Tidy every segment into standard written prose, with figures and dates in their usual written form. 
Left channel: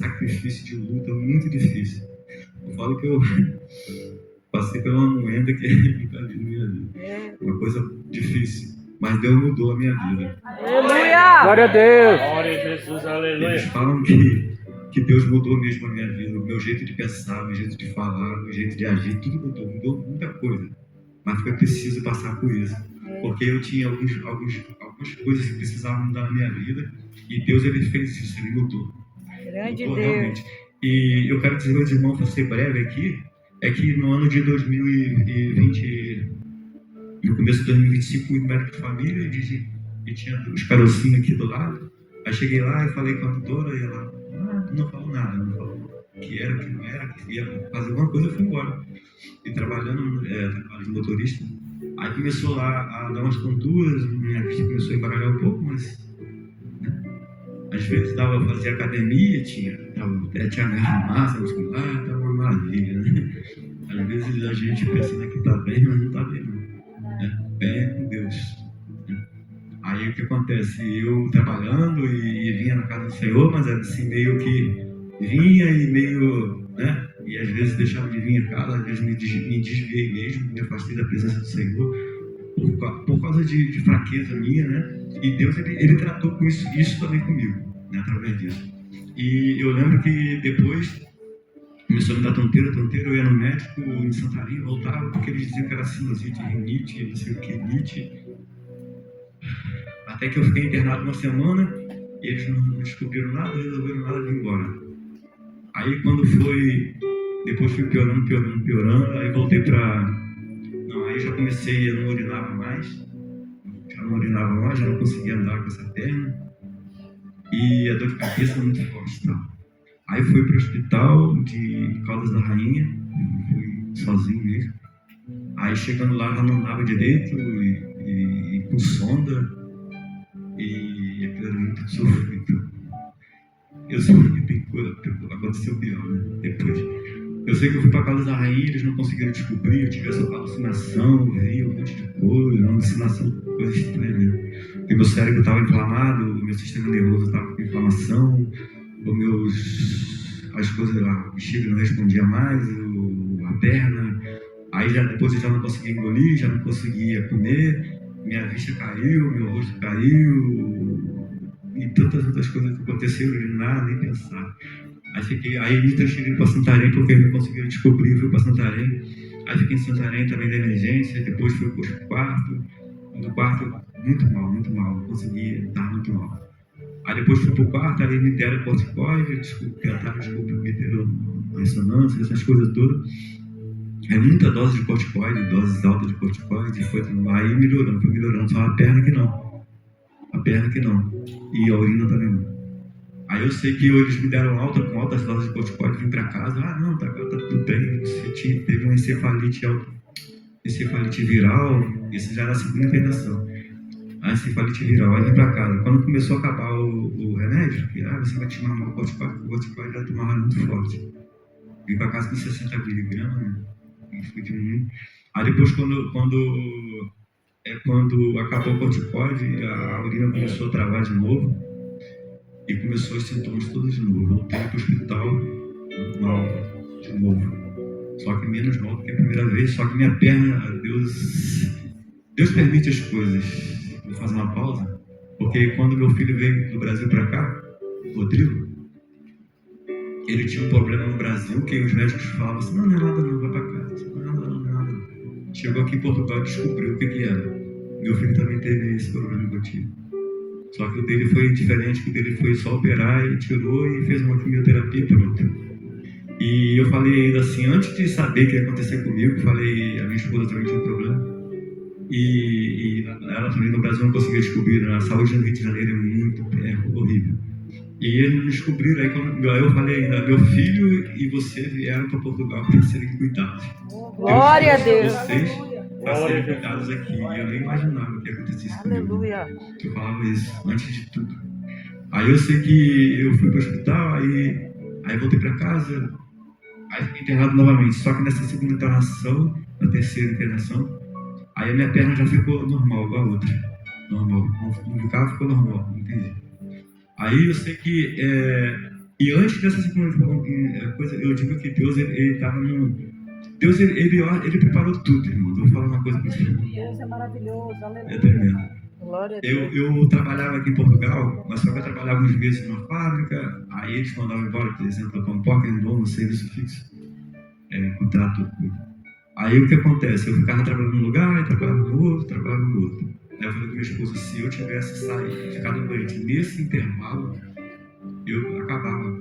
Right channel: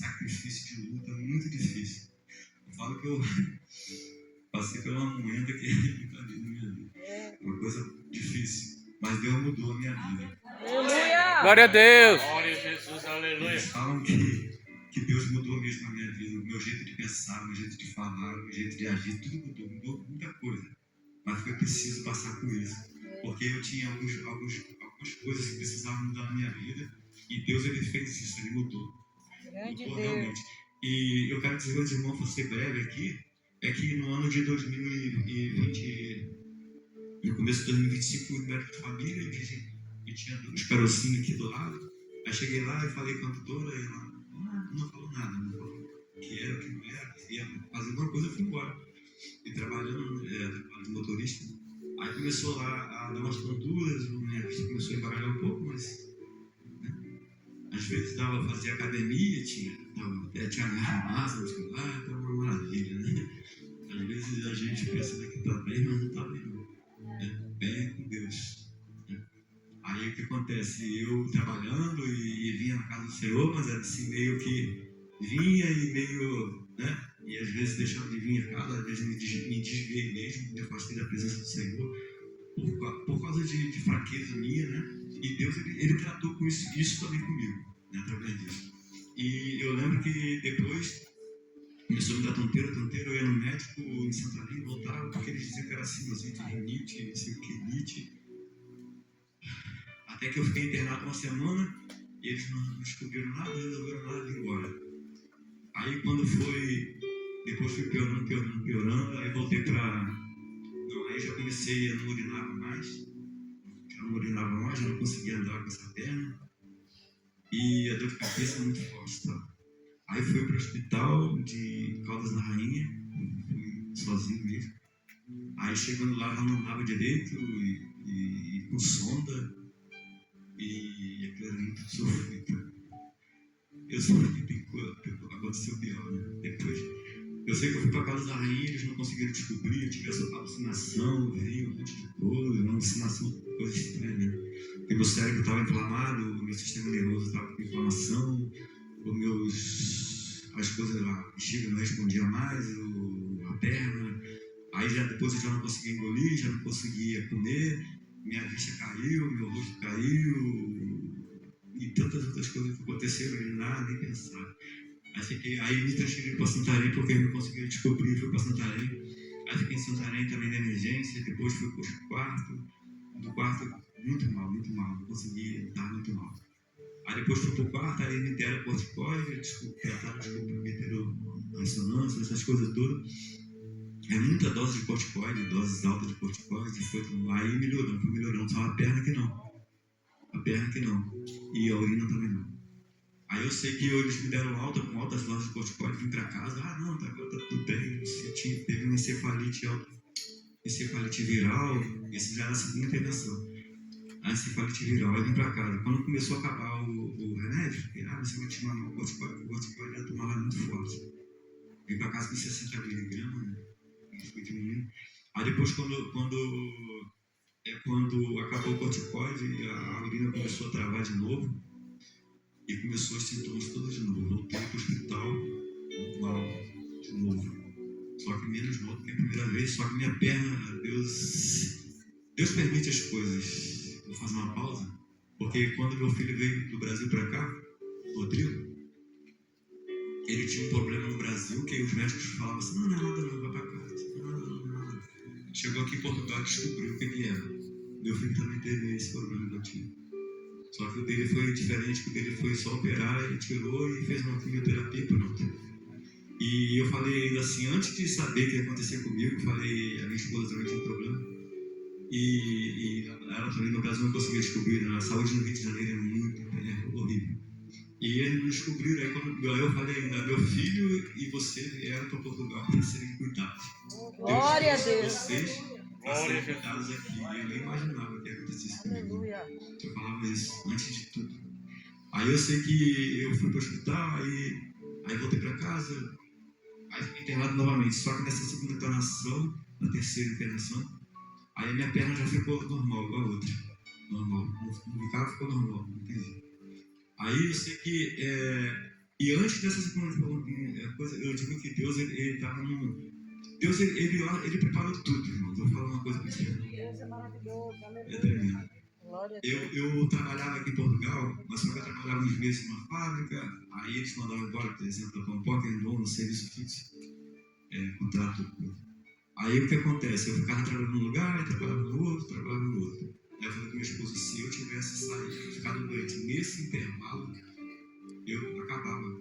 sacrifício de luta muito difícil. Eu falo que eu passei por uma moeda que invadiu minha vida. Uma coisa difícil. Mas Deus mudou a minha vida. Aleluia! Glória a Deus! Glória a Jesus, aleluia. Eles falam que Deus mudou mesmo a minha vida. O meu jeito de pensar, o meu jeito de falar, o meu jeito de agir, tudo mudou. Mudou muita coisa. Mas foi preciso passar por isso. Porque eu tinha algumas coisas que precisavam mudar na minha vida. E Deus, ele fez isso, ele mudou. Grande Mudou Deus. realmente. E eu quero dizer aos irmãos, para ser breve aqui, é que no ano de 2020, no começo de 2025, fui no médico de família e tinha os carocinhos aqui do lado. Aí cheguei lá e falei com a doutora e ela não falou nada, não falou o que era, o que não era, que ia fazer alguma coisa, eu fui embora. E trabalhando de motorista. Aí começou lá a dar umas tonturas, minha vista começou a embaralhar um pouco, mas às vezes dava pra fazer academia, tinha massa muscular, tava uma maravilha, né? Às vezes a gente pensa que tá bem, mas não tá bem não. Né? Bem é com Deus. Né? Aí o que acontece? Eu trabalhando e vinha na casa do Senhor, mas assim meio que vinha e meio, né? E às vezes deixava de vir a casa, às vezes me desviei mesmo, me afastei da presença do Senhor por causa de fraqueza minha, né? E Deus, ele tratou com isso também comigo, né? Através disso. E eu lembro que depois começou a me dar tonteira, eu ia no médico em Santarém, voltava, porque eles diziam que era sinusite, rinite, não sei o que, rinite. Até que eu fiquei internado uma semana e eles não descobriram nada, resolveram nada de ir embora. Aí quando foi, depois fui piorando, aí voltei aí já comecei, eu não urinava mais, já não conseguia andar com essa perna e a dor de cabeça muito forte, tá? Aí fui para o hospital de Caldas da Rainha, fui sozinho mesmo. Aí chegando lá já não andava direito e com sonda e aquilo era muito sofrido. Eu sofri, aconteceu pior, né? Depois. Eu sei que eu fui para Caldas da Rainha, eles não conseguiram descobrir, eu tive essa alucinação, vi um monte de coisa, uma alucinação, coisa estranha, né? Porque meu cérebro estava inflamado, o meu sistema nervoso estava com inflamação, as coisas, a bexiga não respondia mais, a perna, aí depois eu já não conseguia engolir, já não conseguia comer, minha vista caiu, meu rosto caiu, e tantas outras coisas que aconteceram, nada, nem pensar. Aí me transferiram para Santarém, porque eles não conseguiram descobrir, fui para Santarém, aí fiquei em Santarém também da emergência, depois fui para o quarto, no quarto muito mal, não conseguia estar muito mal. Aí depois fui pro quarto, aí me deram corticoide, tentaram meteram ressonância, essas coisas todas. Aí muita dose de corticoide, doses altas de corticoide, aí foi melhorando, só a perna que não. E a urina também não. Aí eu sei que eles me deram alta, com altas doses de corticoide, vim pra casa, tá tudo bem, você teve uma encefalite viral, isso já era a segunda internação. A encefalite viral, aí vim pra casa. Quando começou a acabar o remédio, que você vai tomar o corticoide já tomava muito forte. Vim pra casa com 60 miligramas, né? Fui diminuindo. Aí depois, quando acabou o corticoide, a urina começou a travar de novo e começou os sintomas todos de novo. Voltei pro hospital mal de novo. Só que menos mal do que a primeira vez, só que minha perna, Deus permite as coisas. Vou fazer uma pausa, porque quando meu filho veio do Brasil para cá, Rodrigo, ele tinha um problema no Brasil que os médicos falavam assim, não é nada não, vai para casa, não é nada. Chegou aqui em Portugal e descobriu o que era. Meu filho também teve esse problema que eu tive. Só que o dele foi diferente, que o dele foi só operar e tirou e fez uma quimioterapia e pronto. E eu falei ainda assim, antes de saber o que ia acontecer comigo, falei, a minha esposa também tinha um problema. E ela também no Brasil não conseguia descobrir, a saúde no Rio de Janeiro é horrível. E eles me descobriram, aí eu falei ainda, meu filho e você vieram para Portugal para serem cuidados. Glória a Deus. Vocês para serem cuidados aqui. E eu nem imaginava que acontecesse comigo. Eu falava isso antes de tudo. Aí eu sei que eu fui para o hospital, aí voltei para casa, aí fiquei internado novamente. Só que nessa segunda internação, na terceira internação, aí a minha perna já ficou normal, igual a outra. Normal. Não ficava, ficou normal, não entendi. Aí eu sei que E antes dessa segunda coisa, eu digo que Deus, ele estava no... Deus, ele preparou tudo, irmão. Vou falar uma coisa para você. Deus é maravilhoso, aleluia. É tremendo. Glória a Deus. Eu trabalhava aqui em Portugal, mas só que eu trabalhava uns meses numa fábrica, aí eles mandavam embora, por exemplo, para um pocket no serviço fixo, contrato. Aí o que acontece? Eu ficava trabalhando num lugar, trabalhava no outro, trabalhava no outro. Aí eu falei com minha esposa, se eu tivesse ficado doente nesse intervalo,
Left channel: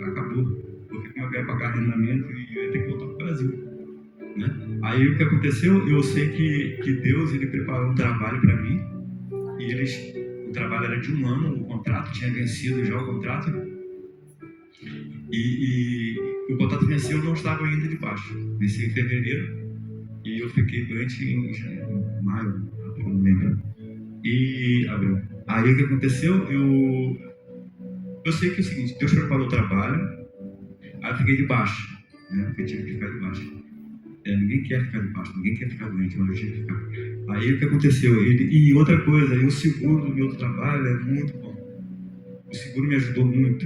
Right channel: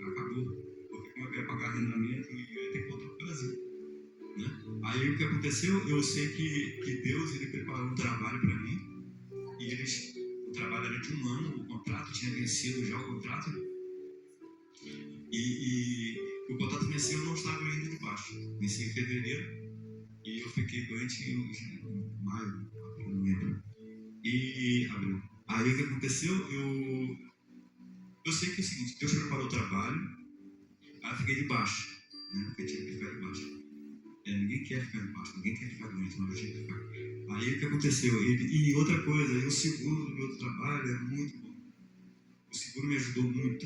acabou. Porque como eu ia pagar arrendamento e eu ia ter que voltar para o Brasil. Né? Aí o que aconteceu? Eu sei que Deus, ele preparou um trabalho para mim, e o trabalho era de 1 ano, o contrato tinha vencido já o contrato, e o contrato venceu, eu não estava ainda debaixo, venceu em fevereiro, e eu fiquei doente em maio, não lembro, e abril. Aí o que aconteceu? Eu sei que é o seguinte, Deus preparou o trabalho, aí eu fiquei debaixo, né? Porque eu tinha que ficar debaixo. Ninguém quer ficar debaixo, ninguém quer ficar doente, mas eu tinha que ficar. Aí o que aconteceu? E outra coisa, o seguro do meu trabalho é muito bom. O seguro me ajudou muito,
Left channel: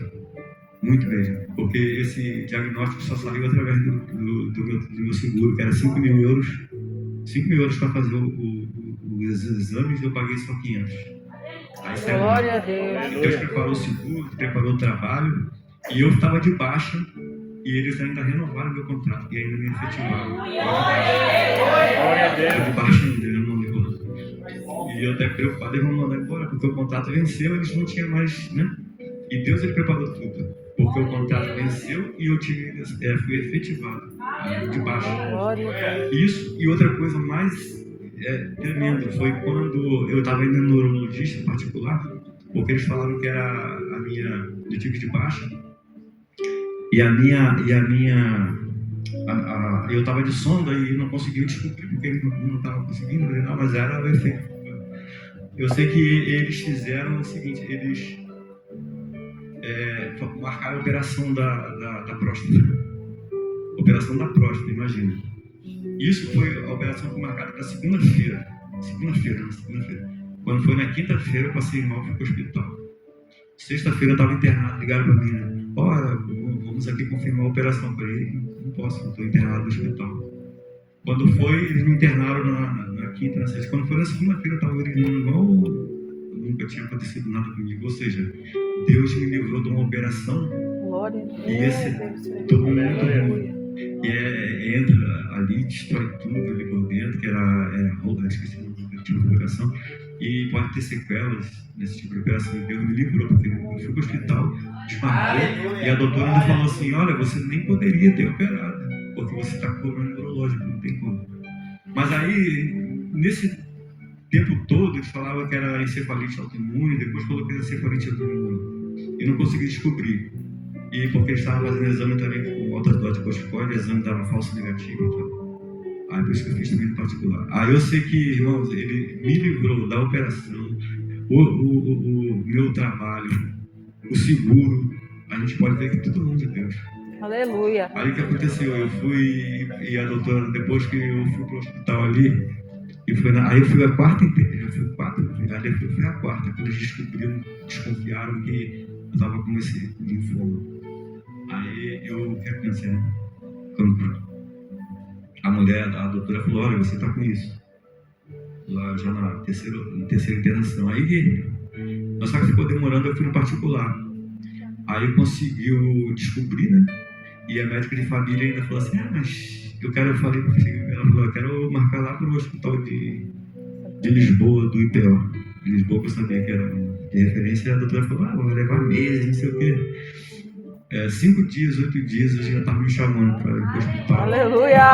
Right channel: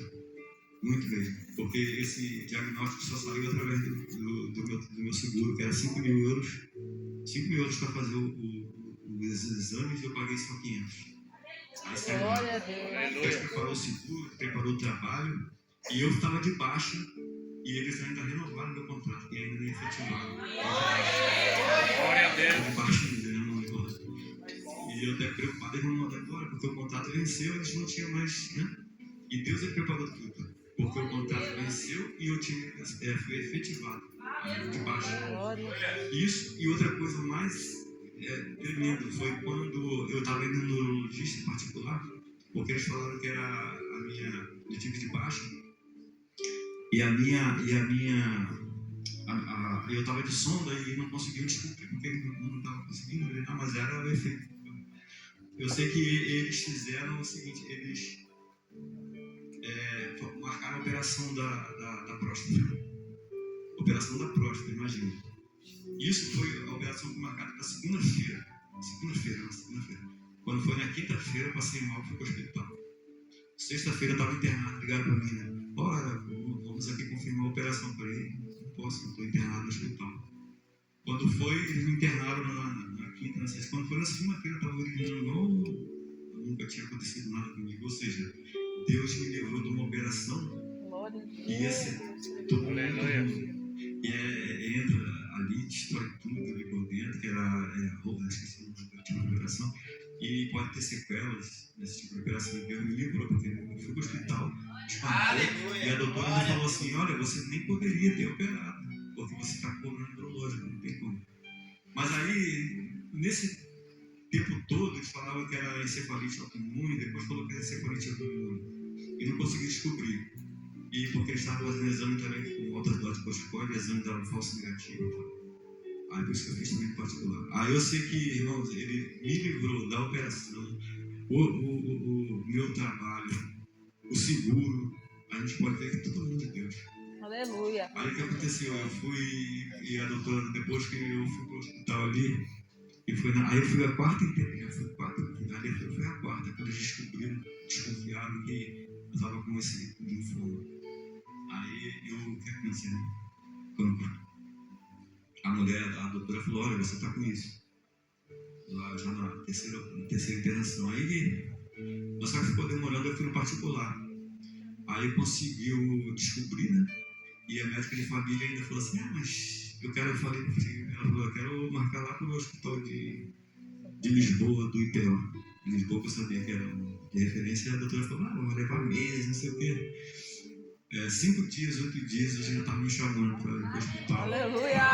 muito mesmo, porque esse diagnóstico só saiu através do meu seguro, que era 5 mil euros. 5 mil euros para fazer os exames, eu paguei só 500. Aí, Glória a Deus. Deus preparou o seguro, preparou o trabalho, e eu estava de baixa, e eles ainda renovaram meu contrato, e ainda me efetivaram. Glória a Deus. Eu de baixa ainda, eu não lembro. E eu até preocupado, eles vão mandar embora, porque o contrato venceu, eles não tinham mais, né? E Deus, ele preparou tudo, porque o contrato venceu e eu fui efetivado, de baixa. Isso, e outra coisa mais tremenda, foi quando eu estava indo no neurologista particular, porque eles falaram que era eu tive de baixa, eu estava de sonda e não conseguiu descobrir, porque ele não estava conseguindo, mas era o efeito. Eu sei que eles fizeram o seguinte, eles marcaram a operação da próstata. Operação da próstata, imagina. Isso foi a operação que foi marcada para segunda-feira. Segunda-feira. Quando foi na quinta-feira, eu passei mal e fui para o hospital. Sexta-feira eu estava internado, ligaram para mim, né? Olha, vamos aqui confirmar a operação. Eu falei, não posso, estou internado no hospital. Quando foi, eles me internaram na quinta, na sexta. Quando foi na segunda-feira, eu estava gritando igual nunca tinha acontecido nada comigo. Ou seja, Deus me livrou de uma operação. Glória a Deus. E todo mundo entra ali, destrói tudo ali por dentro, que esqueci o nome do tipo de operação. E pode ter sequelas nesse tipo de operação. E Deus me livrou, porque eu fui para o hospital, desmarcou, e a doutora me falou assim, olha, você nem poderia ter operado, porque você está com problema neurológico, não tem como. Mas aí, nesse tempo todo, eles falavam que era encefalite autoimune, depois falou que era encefalite autoimune, e não consegui descobrir. E porque eles estavam fazendo exame também com alta dose de corticoide, o exame dava falso negativo, então. Aí por isso que eu fiz também no particular. Aí eu sei que, irmãos, ele me livrou da operação, o meu trabalho, o seguro, a gente pode ver que tudo mundo de Deus. Aleluia. Aí o que aconteceu? Eu fui, e a doutora, depois que eu fui pro hospital ali, aí eu fui a quarta inteira, eu fui a quarta, quando eles desconfiaram que eu estava com esse linfoma. Aí o que aconteceu? A mulher, a doutora falou, olha, você está com isso. Lá já na terceira internação. Aí, só que ficou demorando, eu fui no particular. Aí conseguiu descobrir, né? E a médica de família ainda falou assim, mas eu falei para o filho, ela falou, eu quero marcar lá para o hospital de Lisboa, do IPO. De Lisboa, que eu sabia que era de referência, e a doutora falou, vai levar meses, não sei o quê. 5 dias, 8 dias, eu já estava me chamando para ir para o hospital. Aleluia!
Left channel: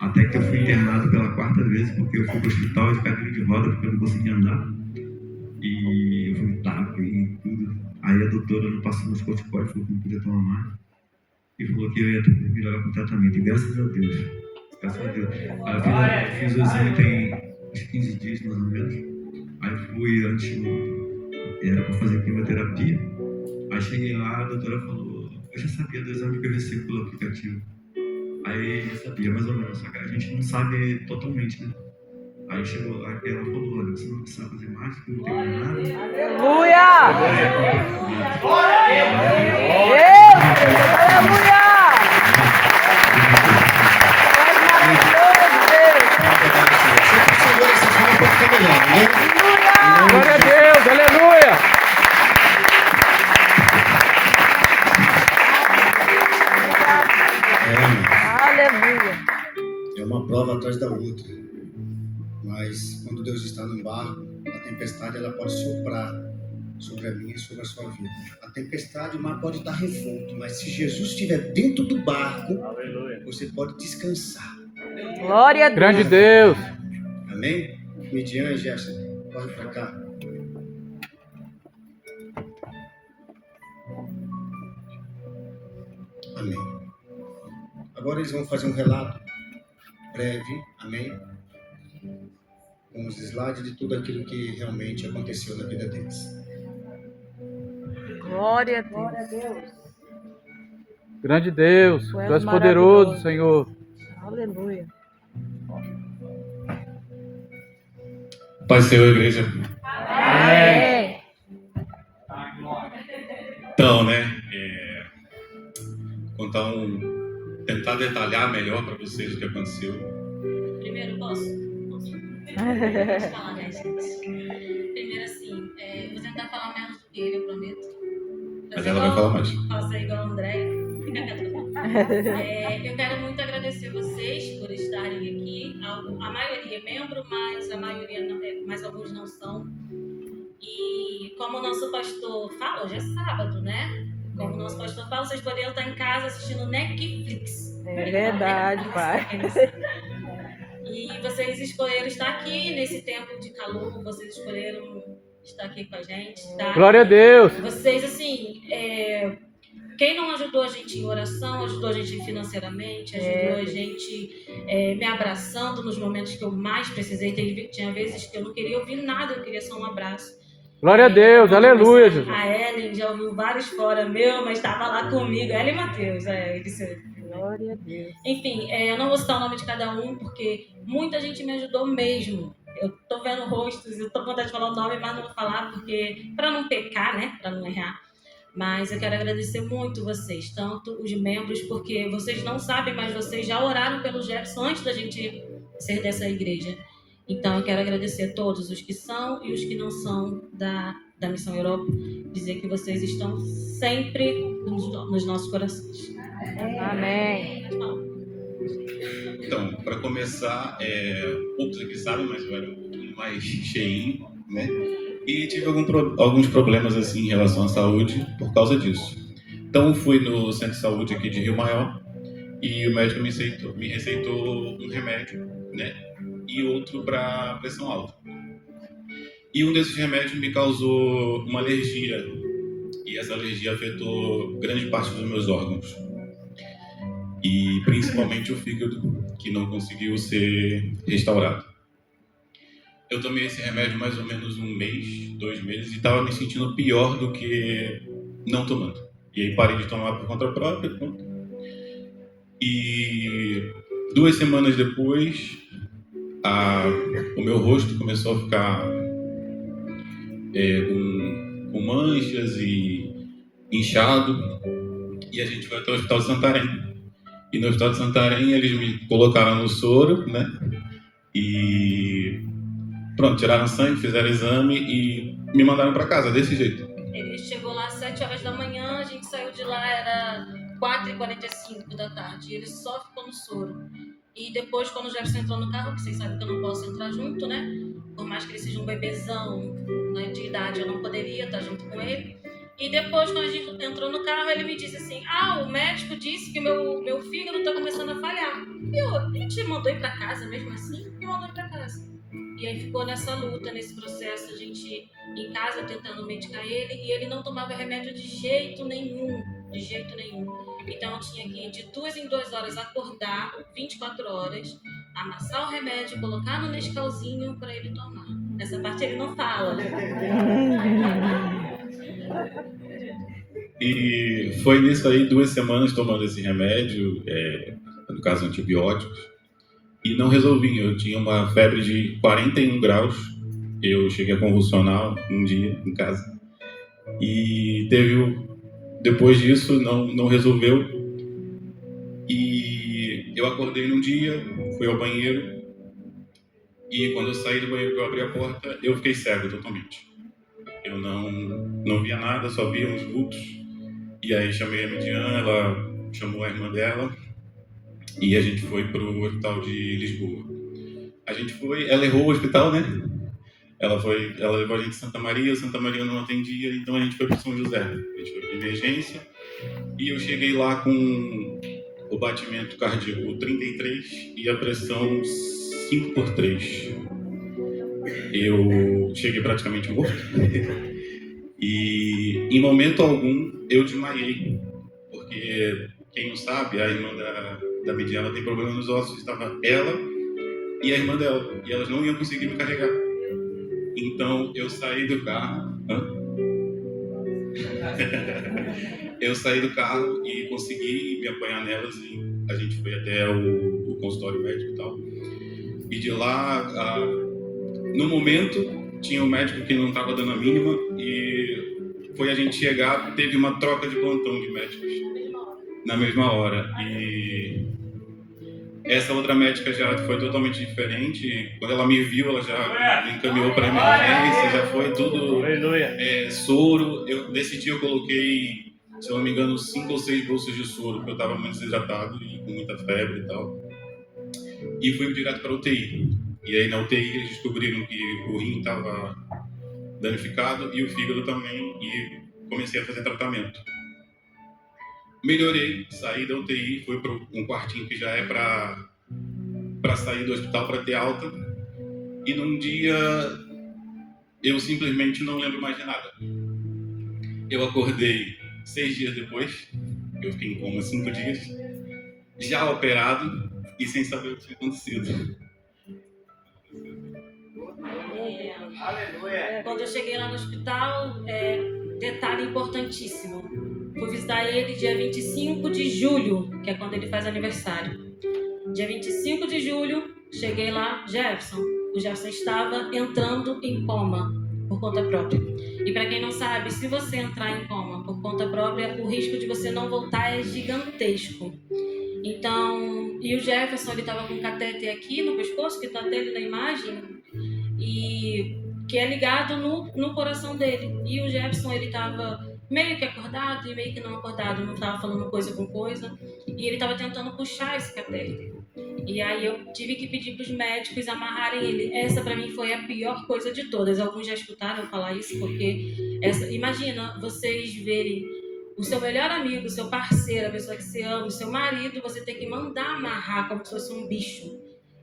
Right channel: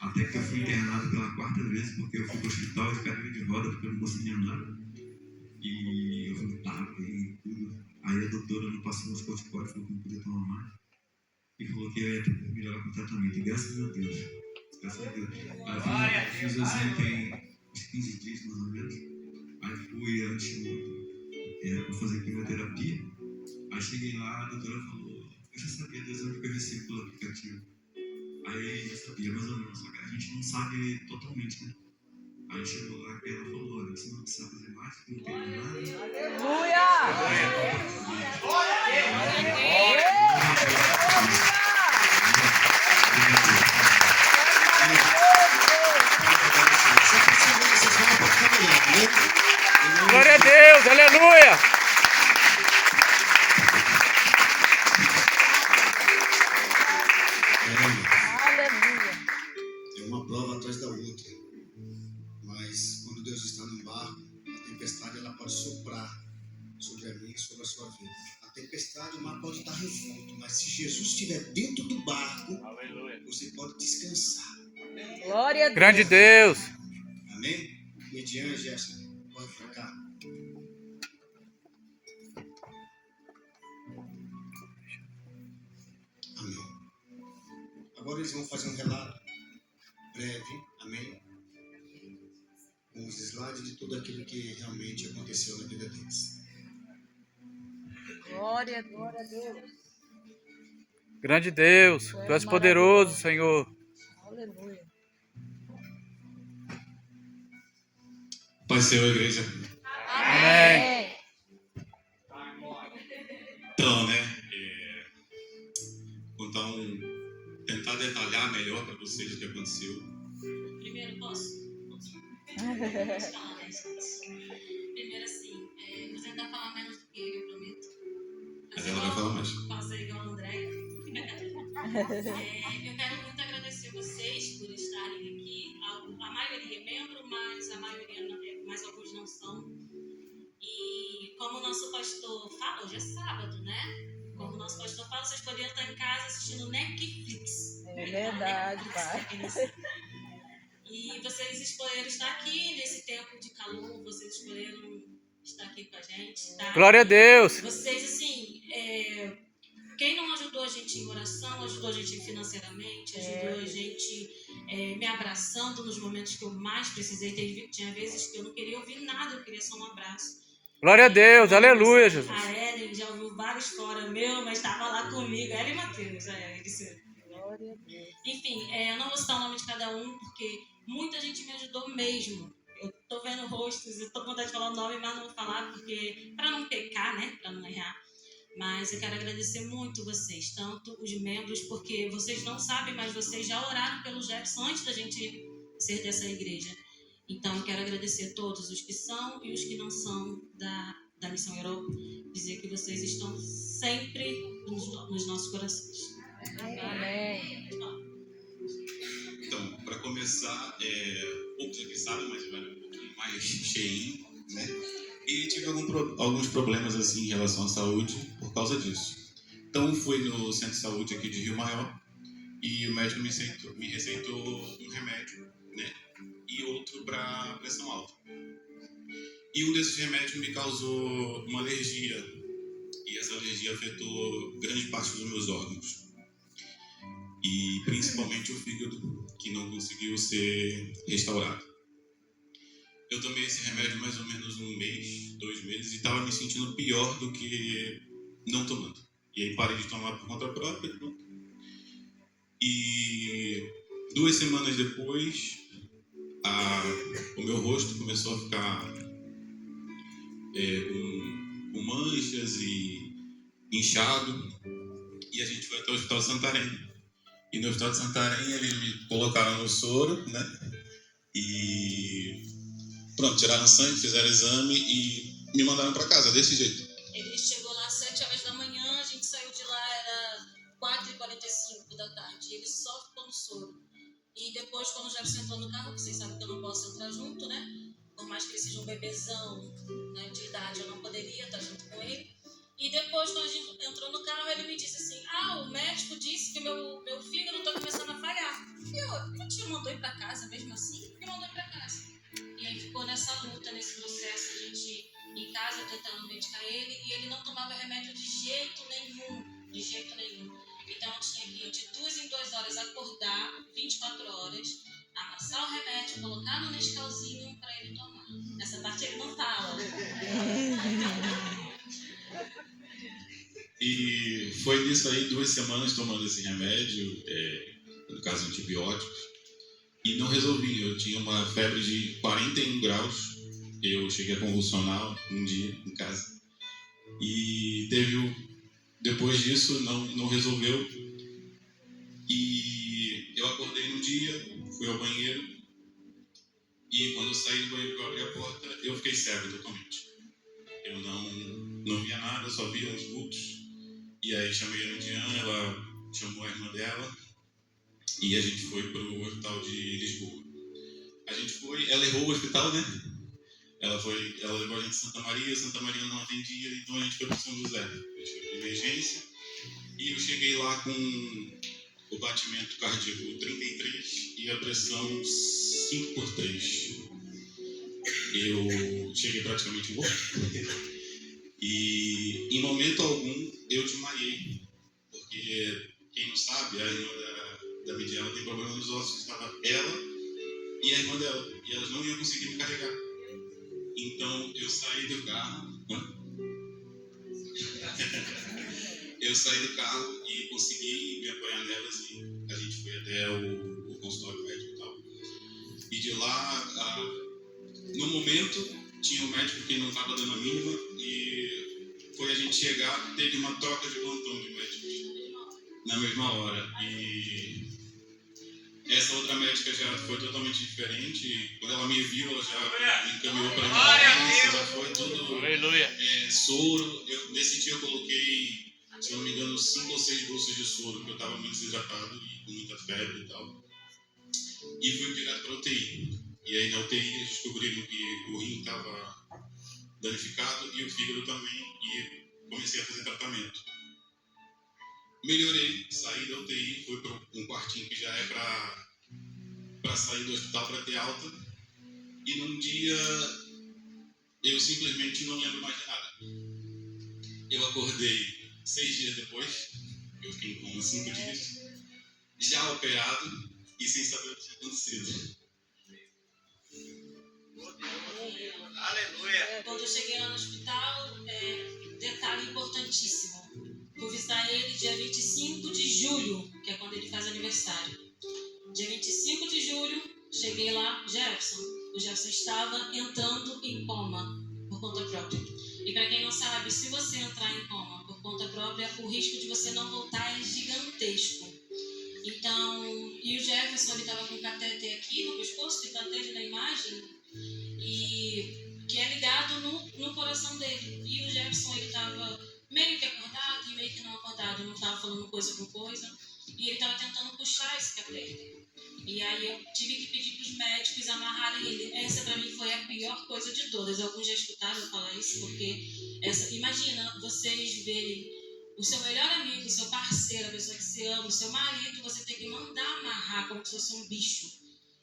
Até que eu fui internado pela 4ª vez, porque eu fui para o hospital de cadeira de roda, porque eu não conseguia andar. E eu vomitava e tudo. Aí a doutora não passou nos corticoides, falou que não podia tomar mais. E falou que eu ia ter que me levar para o tratamento. E graças a Deus. Aí eu fiz o exame tem uns 15 dias, mais ou menos. Aí fui era para fazer quimioterapia. Aí cheguei lá, a doutora falou, eu já sabia do exame que eu recebi pelo aplicativo. Aí eu sabia mais ou menos, só que a gente não sabe totalmente, né? Aí chegou lá e ela falou, olha, você não precisa fazer mais, porque não tem mais nada. Aleluia! Aleluia! Segura essa forma pode ficar melhor, né? Glória a Deus, aleluia. Aleluia! É uma prova atrás da outra. Mas quando Deus está no barco, a tempestade ela pode soprar sobre a minha e sobre a sua vida. A tempestade, o mar pode estar revolto, mas se Jesus estiver dentro do barco, você pode descansar. Glória a Deus! Grande Deus. Amém? Midian e Gerson, corre para cá. Amém. Agora eles vão fazer um relato breve, amém? Com os slides de tudo aquilo que realmente aconteceu na vida deles. Glória a Deus! Grande Deus. Tu és poderoso, Senhor. Aleluia! Pai, Senhor, igreja. Amém! Então, né? Tentar detalhar melhor para vocês o que aconteceu. Primeiro, posso falar, né, gente? Primeiro, assim, vou tentar falar menos do que ele, eu prometo. Mas ela vai falar mais. Fazer igual o André. Fica quieto. Eu quero muito agradecer vocês por estarem aqui. A maioria é membro, mas a maioria não é, mas alguns não são. E como o nosso pastor fala, hoje é sábado, né? Como o nosso pastor fala, vocês poderiam estar em casa assistindo Netflix. É verdade, pai. E vocês escolheram estar aqui nesse tempo de calor, vocês escolheram estar aqui com a gente, tá? Glória a Deus. Vocês, assim, quem não ajudou a gente em oração, ajudou a gente financeiramente, ajudou a gente me abraçando nos momentos que eu mais precisei. Tinha vezes que eu não queria ouvir nada, eu queria só um abraço. Glória a Deus, aleluia, Jesus. A Ellen já ouviu vários fora meu, mas estava lá comigo. Ellen e Matheus, Glória a Deus! Enfim, eu não vou citar o nome de cada um, porque muita gente me ajudou mesmo. Eu tô vendo rostos, eu tô com vontade de falar o nome, mas não vou falar, porque para não pecar, né? Para não errar. Mas eu quero agradecer muito vocês, tanto os membros, porque vocês não sabem, mas vocês já oraram pelo Jefferson antes da gente ser dessa igreja. Então, eu quero agradecer a todos os que são e os que não são da Missão Europa, dizer que vocês estão sempre nos nossos corações. Amém! Então, para começar, poucos aqui sabem, mas eu era um pouquinho mais cheinho, né? E tive alguns problemas assim em relação à saúde por causa disso. Então, fui no centro de saúde aqui de Rio Maior e o médico me receitou um remédio, né? E outro para pressão alta. E um desses remédios me causou uma alergia. E essa alergia afetou grande parte dos meus órgãos. E principalmente o fígado, que não conseguiu ser restaurado. Eu tomei esse remédio mais ou menos 1 mês, 2 meses, e estava me sentindo pior do que não tomando. E aí parei de tomar por conta própria. E 2 semanas depois, o meu rosto começou a ficar com manchas e inchado. E a gente foi até o Hospital de Santarém. E no Hospital de Santarém eles me colocaram no soro, né? E pronto, tiraram sangue, fizeram exame e me mandaram para casa desse jeito. Ele chegou lá às 7 horas da manhã, a gente saiu de lá, era 4h45 da tarde. E ele só ficou no soro. E depois, quando o Jefferson entrou no carro, que vocês sabem que eu não posso entrar junto, né? Por mais que ele seja um bebezão, né, de idade, eu não poderia estar junto com ele. E depois, quando a gente entrou no carro, ele me disse assim: o médico disse que o meu fígado está começando a falhar. E ele te mandou ir para casa mesmo assim? Me mandou ir para casa. E aí ficou nessa luta, nesse processo, a gente em casa tentando medicar ele, e ele não tomava remédio de jeito nenhum, Então eu tinha que ir de 2 em 2 horas acordar, 24 horas, amassar o remédio, colocar no Nescauzinho para ele tomar. Essa parte ele não fala. E foi nisso aí, 2 semanas tomando esse remédio, no caso antibióticos. e não resolvi. Eu tinha uma febre de 41 graus. Eu cheguei a convulsionar um dia em casa. E depois disso, não resolveu. E eu acordei num dia, fui ao banheiro. E quando eu saí do banheiro, eu abri a porta, eu fiquei cego totalmente. Eu não via nada, só via uns vultos. E aí chamei a Midian, ela chamou a irmã dela. E a gente foi pro hospital de Lisboa. A gente foi, ela errou o hospital, né? Ela levou a gente em Santa Maria, o Santa Maria não atendia, então a gente foi para São José. A gente foi para emergência e eu cheguei lá com o batimento cardíaco 33 e a pressão 5/3. Eu cheguei praticamente morto. E em momento algum eu desmaiei, porque quem não sabe, a irmã da Midiana tem problema nos ossos, estava ela e a irmã dela, e elas não iam conseguir me carregar. Então eu saí do carro. Eu saí do carro e consegui me apoiar nelas e a gente foi até o consultório médico e tal. E de lá, no momento, tinha um médico que não estava dando a mínima e foi a gente chegar, teve uma troca de plantão de médicos na mesma hora. E essa outra médica já foi totalmente diferente. Quando ela me viu, ela já me encaminhou para emergência, já foi tudo soro. Nesse dia eu coloquei, se eu não me engano, 5 ou 6 bolsas de soro, porque eu estava muito desidratado e com muita febre e tal. E fui direto para a UTI. E aí na UTI eles descobriram que o rim estava danificado e o fígado também, e comecei a fazer tratamento. Melhorei, saí da UTI, fui para um quartinho que já é para sair do hospital, para ter alta. E num dia eu simplesmente não lembro mais de nada. Eu acordei 6 dias depois, eu fiquei em coma 5 dias, já operado e sem saber o que tinha acontecido. Quando eu cheguei lá no hospital, detalhe importantíssimo, fui visitar ele dia 25 de julho, que é quando ele faz aniversário. Dia 25 de julho, cheguei lá, o Jefferson estava entrando em coma por conta própria. E para quem não sabe, se você entrar em coma por conta própria, o risco de você não voltar é gigantesco. Então, e o Jefferson, ele estava com um catéter aqui no pescoço, que está até ali na imagem, e que é ligado no coração dele. E o Jefferson, ele estava meio que acordado e meio que não acordado, não estava falando coisa com coisa, e ele estava tentando puxar esse catéter. E aí eu tive que pedir para os médicos amarrarem ele. Essa para mim foi a pior coisa de todas. Alguns já escutaram falar isso, porque imagina vocês verem o seu melhor amigo, o seu parceiro, a pessoa que você ama, o seu marido, você tem que mandar amarrar como se fosse um bicho.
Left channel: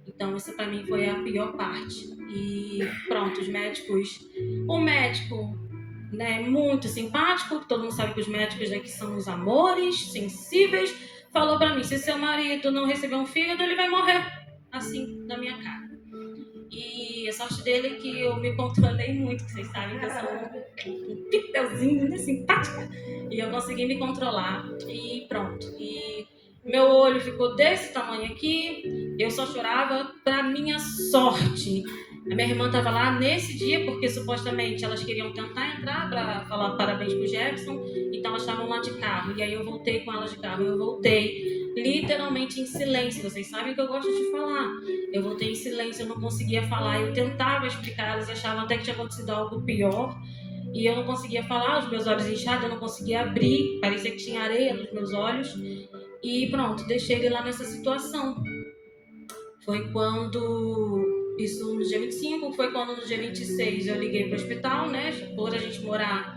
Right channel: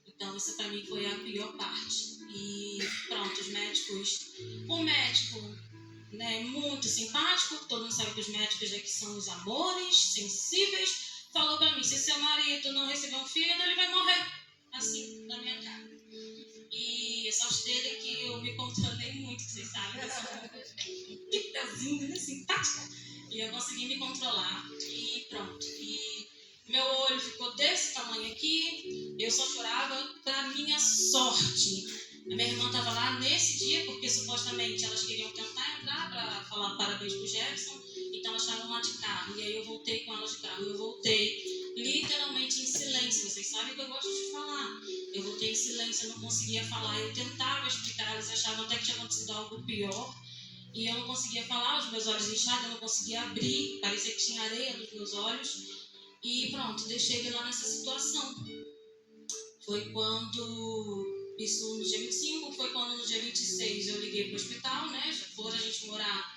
Então essa para mim foi a pior parte. E pronto, os médicos, o médico, né, muito simpático, todo mundo sabe que os médicos aqui são os amores, sensíveis, falou pra mim, se seu marido não receber um fígado, ele vai morrer, assim, na minha cara. E a sorte dele é que eu me controlei muito, que vocês sabem que eu sou um pitelzinho, né, simpática, e eu consegui me controlar, e pronto. E meu olho ficou desse tamanho aqui, eu só chorava. Pra minha sorte, a minha irmã estava lá nesse dia, porque supostamente elas queriam tentar entrar para falar parabéns pro Jefferson, então elas estavam lá de carro, e aí eu voltei com elas de carro. Eu voltei literalmente em silêncio, vocês sabem que eu gosto de falar. Eu voltei em silêncio, eu não conseguia falar, eu tentava explicar, elas achavam até que tinha acontecido algo pior, e eu não conseguia falar, os meus olhos inchados, eu não conseguia abrir, parecia que tinha areia nos meus olhos, e pronto, deixei ele lá nessa situação. Foi quando... Isso no dia 25, foi quando no dia 26 eu liguei para o hospital, né? Por a gente morar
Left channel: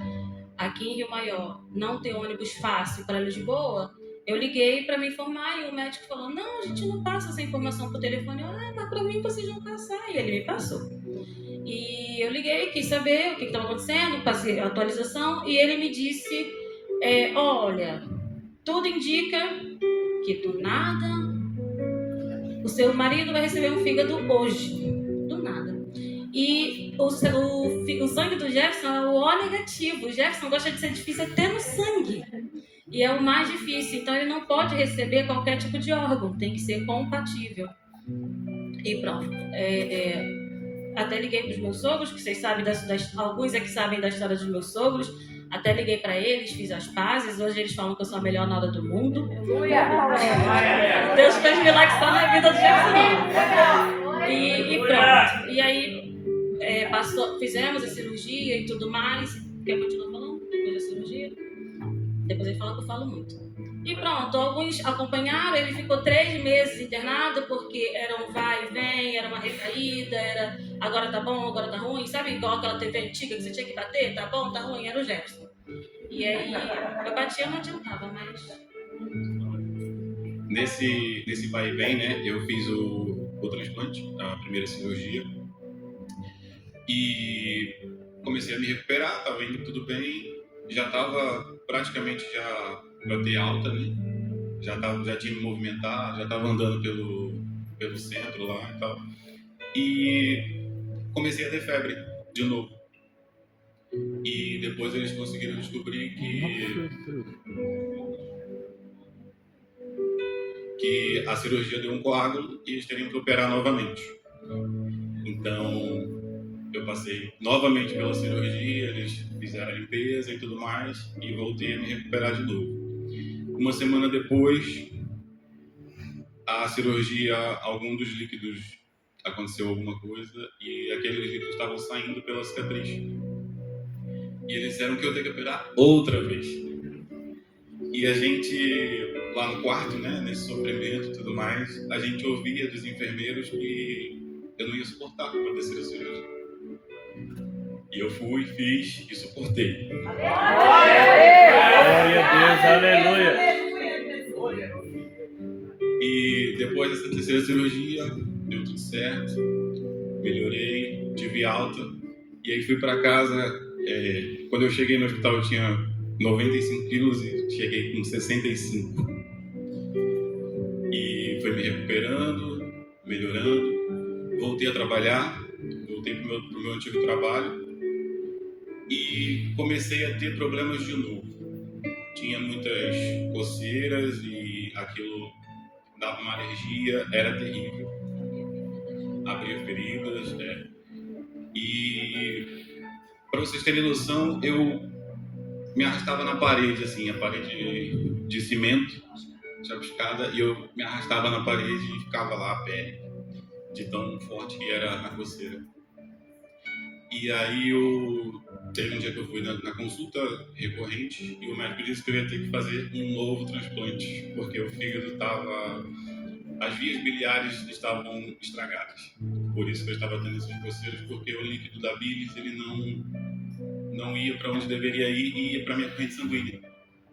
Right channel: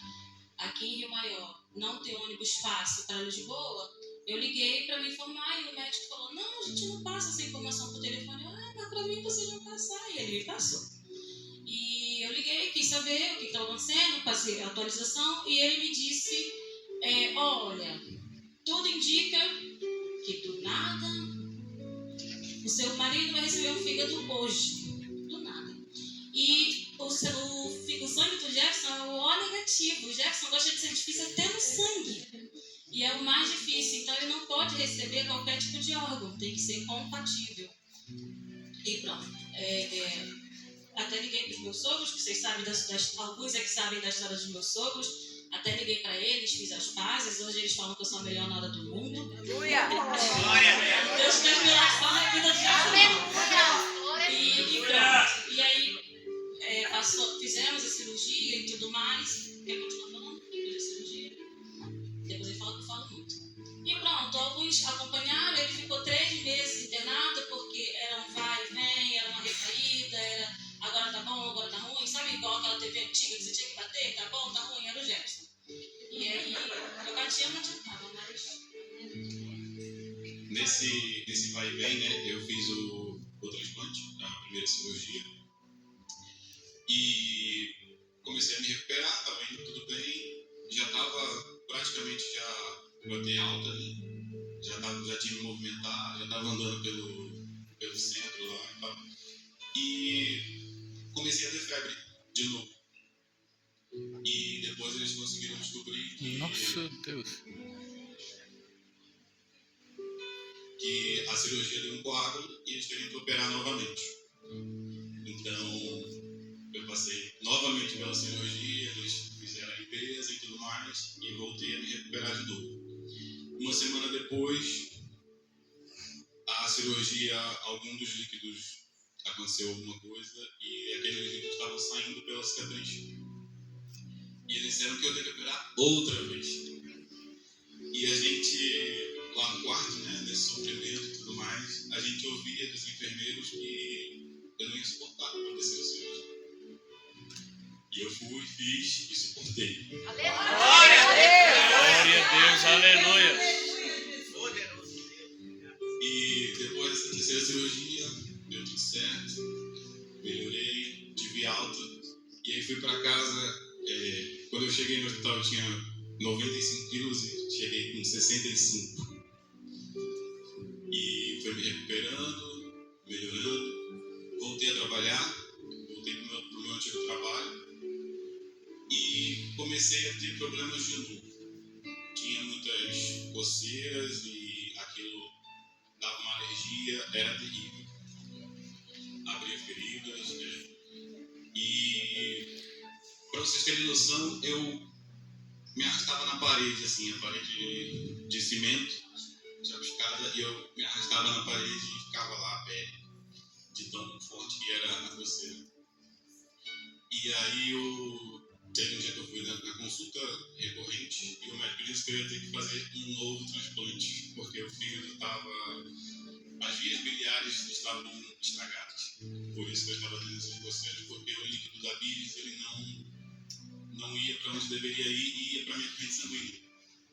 aqui em Rio Maior, não ter ônibus fácil para Lisboa, eu liguei para me informar e o médico falou, não, a gente não passa essa informação por telefone. Mas para mim vocês vão passar. E ele me passou. E eu liguei, quis saber o que estava acontecendo, passei a atualização e ele me disse, olha, tudo indica que do nada... O seu marido vai receber um fígado hoje, do nada. E o sangue do Jefferson é o O negativo. O Jefferson gosta de ser difícil até no sangue. E é o mais difícil. Então ele não pode receber qualquer tipo de órgão. Tem que ser compatível. E pronto. Até liguei para os meus sogros, que vocês sabem, alguns é que sabem da história dos meus sogros. Até liguei para eles, fiz as pazes. Hoje eles falam que eu sou a melhor nora do mundo. Deus fez milagre só na vida de Jesus. E pronto. E aí fizemos a cirurgia e tudo mais. Quer continuar falando? Depois da cirurgia? Depois ele fala que eu falo muito. E pronto, alguns acompanharam, ele ficou 3 meses internado, porque era um vai e vem, era uma recaída, era agora tá bom, agora tá ruim, sabe igual aquela TV antiga que você tinha que bater, tá bom, tá ruim, era o Jefferson. E aí, eu batia, não adiantava, mas... Nesse vai e vem, né, eu fiz o transplante, a primeira cirurgia, e comecei a me recuperar, estava indo tudo bem, já estava praticamente já para ter alta, né? Já tinha me movimentado, já estava andando pelo centro lá e tal. E comecei a ter febre de novo. E depois eles conseguiram descobrir que a cirurgia deu um coágulo e eles teriam que operar novamente. Então, eu passei novamente pela cirurgia, eles fizeram a limpeza e tudo mais, e voltei a me recuperar de novo. Uma semana depois, a cirurgia, algum dos líquidos aconteceu alguma coisa e aqueles líquidos estavam saindo pela cicatriz. E eles disseram que eu tenho que operar outra vez. E a gente, lá no quarto, né, nesse sofrimento e tudo mais, a gente ouvia dos enfermeiros que eu não ia suportar para descer a cirurgia. E eu fui, fiz e suportei. Glória a Deus, aleluia. E depois dessa terceira cirurgia, deu tudo certo, melhorei, tive alta. E aí fui para casa, quando eu cheguei no hospital eu tinha 95 quilos e cheguei com 65. E foi me recuperando, melhorando, voltei a trabalhar, voltei para o meu antigo trabalho. E comecei a ter problemas de novo. Tinha muitas coceiras e aquilo dava uma alergia, era terrível. Abria feridas, né? E para vocês terem noção, eu me arrastava na parede, assim, a parede de cimento, chapiscada, e eu me arrastava na parede e ficava lá a pele, de tão forte que era a coceira. E aí teve um dia que eu fui na consulta recorrente e o médico disse que eu ia ter que fazer um novo transplante, porque o fígado estava... As vias biliares estavam estragadas. Por isso que eu estava tendo essas coceiras, porque o líquido da bilis, ele não ia para onde deveria ir e ia para a minha corrente sanguínea.